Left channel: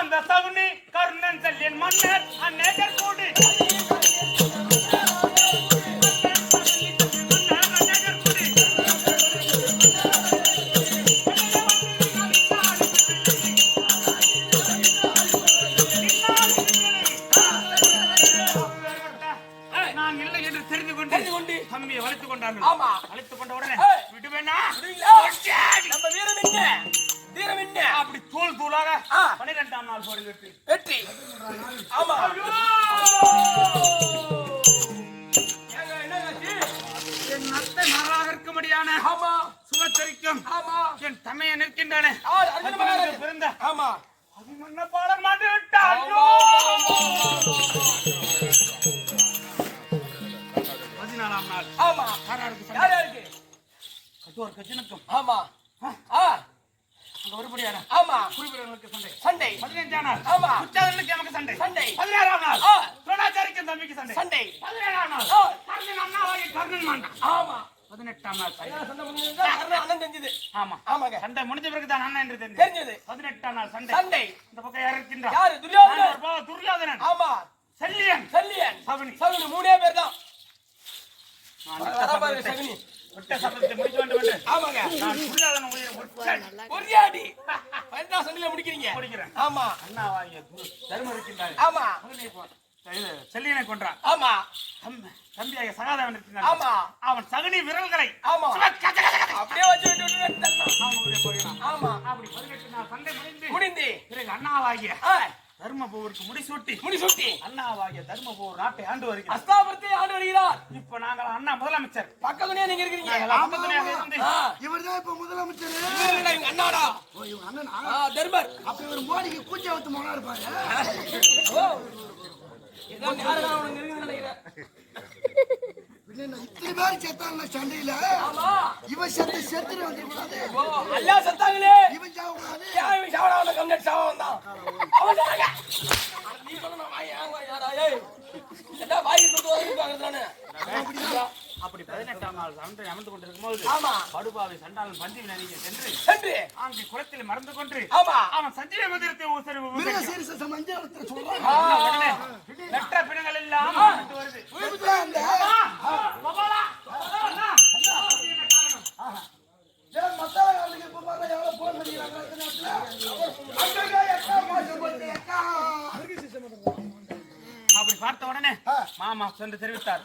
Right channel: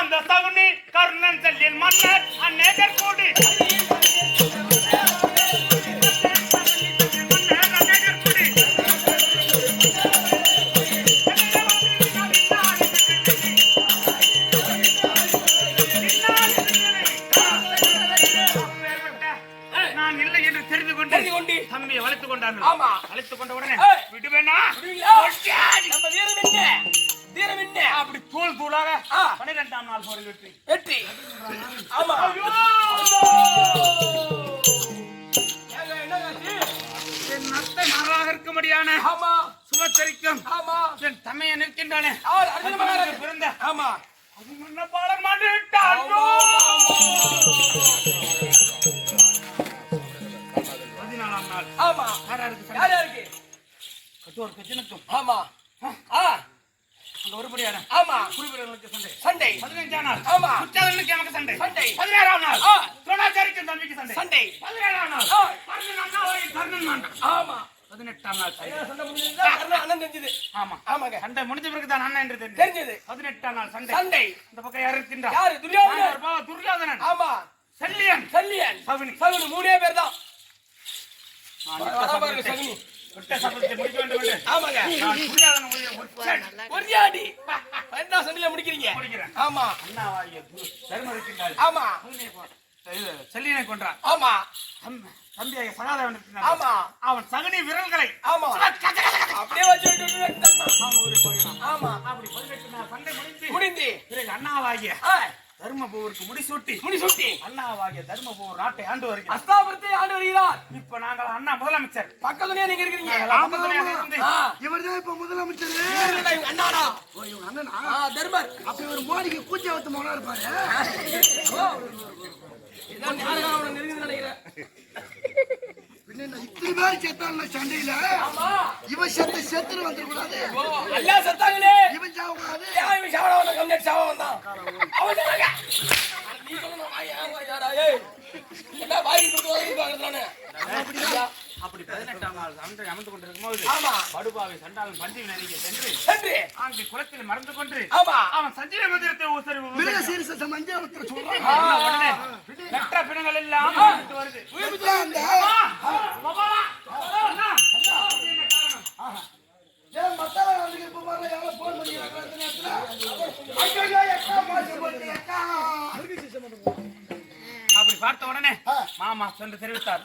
அந்த சகுனி கர்ணன் செல்லின் மன்னர் அந்நேகர் கூடி நான் இல்லை என்று தெரிந்து கொண்டு தம்பியை வளைத்துக் கொண்டார்கள். வளைத்துக் கொண்ட உடனே விடுவேனா நம்ம வீரம் என்ன வீரம் என்ன அப்படி தூள் தூளாக 12ஆம் நாள் போரில் வெற்றி. ஆமா என் நத்தை மகளாக இருக்கும்படியான சுமச்சரிக்கும் என் தமையை நிற்கின்றானே பிறந்த அபிமன்யபாலன் மாண்டு விட்டான். 14ஆம் நாள் யாருக்கு கட்டோர் கஜனுக்கும் அங்க ஒருபடியான குறிப்பிடர்களுக்கு சண்டை 15ஆம் நாள் குற்றாலனுக்கு எமக்கு சண்டை 16ஆம் நாள் துரோணாச்சாரிக்கு தம்பிக்கு சண்டை 17ஆம் நாள் கர்ணன் மாண்டான் 18ஆம் நாள் அண்ணன் தெரிஞ்சது சண்டை முடிஞ்ச பிறகுதான் அண்ணன் என்று தெரிஞ்சது 18ஆம் நாள் சண்டை இந்த பக்கம் யார் இருக்கின்றார்? யாரு? துரியோதனன் செல்லியன் சகுனி மூணே பேர் தான். விட்ட சபதத்தை முடிக்க வேண்டும் என்று நான் துரியோதனன் ஒரியாடி என்ன சண்டையில முடிக்கிறீங்க? முடிக்கிறேன். ஆமா அண்ணாவாகிய தர்மம் இருக்கின்றார். செல்லியனை கொன்றான். தம்பியாக சகாதேவன் இருக்கிறான். அவன் சகுனி விரல்களை அப்படியே வச்சு அப்படி 18 நாள் சண்டை முடிந்து பிறகு அண்ணாவாகிய தர்மபுருக்கு முடிசூட்டி அண்ணாவாகிய தர்மபுர் நாட்டை ஆண்டு வருகிறார். அஸ்தாபுரத்தை ஆண்டு வருகிறார். இப்ப நாங்கள் அண்ணா முதலமைச்சர் பக்கத்துலயே நீங்க இருக்கீங்க. பக்கத்துலயே இருந்து இவர்தான் இப்ப முதலமைச்சர். இவங்க அண்ணாடா தர்மர். அப்ப ஒரு மோடிக்கு கூச்ச வத்து மகனா இருப்பாரு. இதான் யாரா அவனுக்கு நெருங்கி நினைக்கிறேன். இத்தனை பேர் செத்தாங்க சண்டையில. இவன் செத்து வந்துடக்கூடாது. அல்லா செத்தாங்களே இவன் சாவக்கூடாது. இவன் சாவடாவன கம்னட் சாவ வந்தான். அவன் சொன்னாங்க நீ சொல்லணும் வாய் என்ன வாய் கொடுத்து வந்து பாக்குறானே. அப்படி 18ஆம் நாள் சண்டை அமர்ந்து கொண்டிருக்கும் போது படுபாவை சண்டாளன் பஞ்சவி நதிக்கு சென்று அங்கு குளத்தில் மறந்து கொண்டு அவன் சஞ்சீவ மந்திரத்தை நெற்ற பிணங்கள் எல்லாம் வருது. அப்படி பார்த்த உடனே மாமா சென்று தெரிவித்தார்.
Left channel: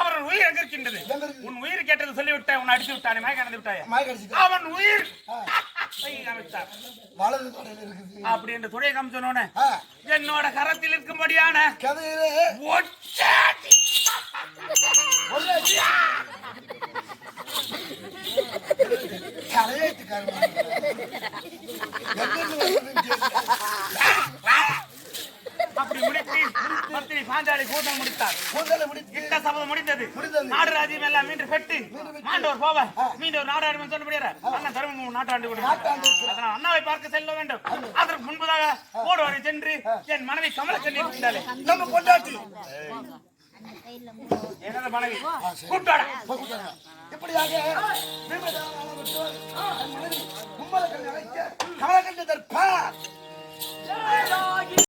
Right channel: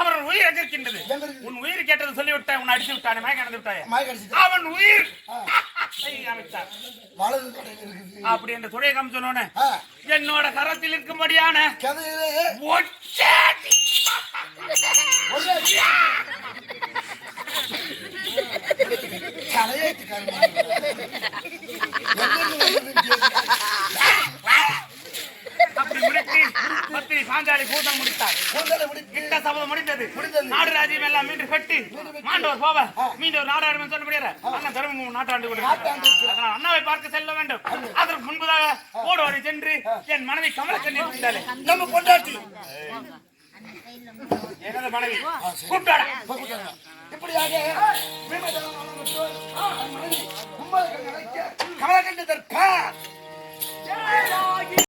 அவன் உயிர் எங்க இருக்கின்றது? உன் உயிர் கேட்டது சொல்லிவிட்டாய். உன்னை அடித்து விட்டானே, மயக்க விட்டாய். அவன் உயிர் அமைத்தார். அப்படி என்று துடைய காமிச்சோன்னு என்னோட கரத்தில் இருக்கும்படியான அப்படி முடித்து பத்திரி பாஞ்சாலி கூட்டம் முடித்தார். சபதம் முடிந்தது. நாடு ராஜ்யம் எல்லாம் மீண்டும் கட்டி மாண்டவர் போவ மீண்டும் நாடாடு சொல்ல முடியாது. அண்ணன் தர்மம் நாட்டாண்டு கொடுத்தார். அண்ணாவை பார்க்க செல்ல வேண்டும். அதற்கு முன்பதாக ஓடோடி சென்று என் மனைவி கமலக்கண்ணி இருந்தாலே நம்ம கொண்டாட்டி எனது மனைவி கூப்பிட்டாரா இப்படியாக கமலக்கண்ணி கமலக்கண்ணி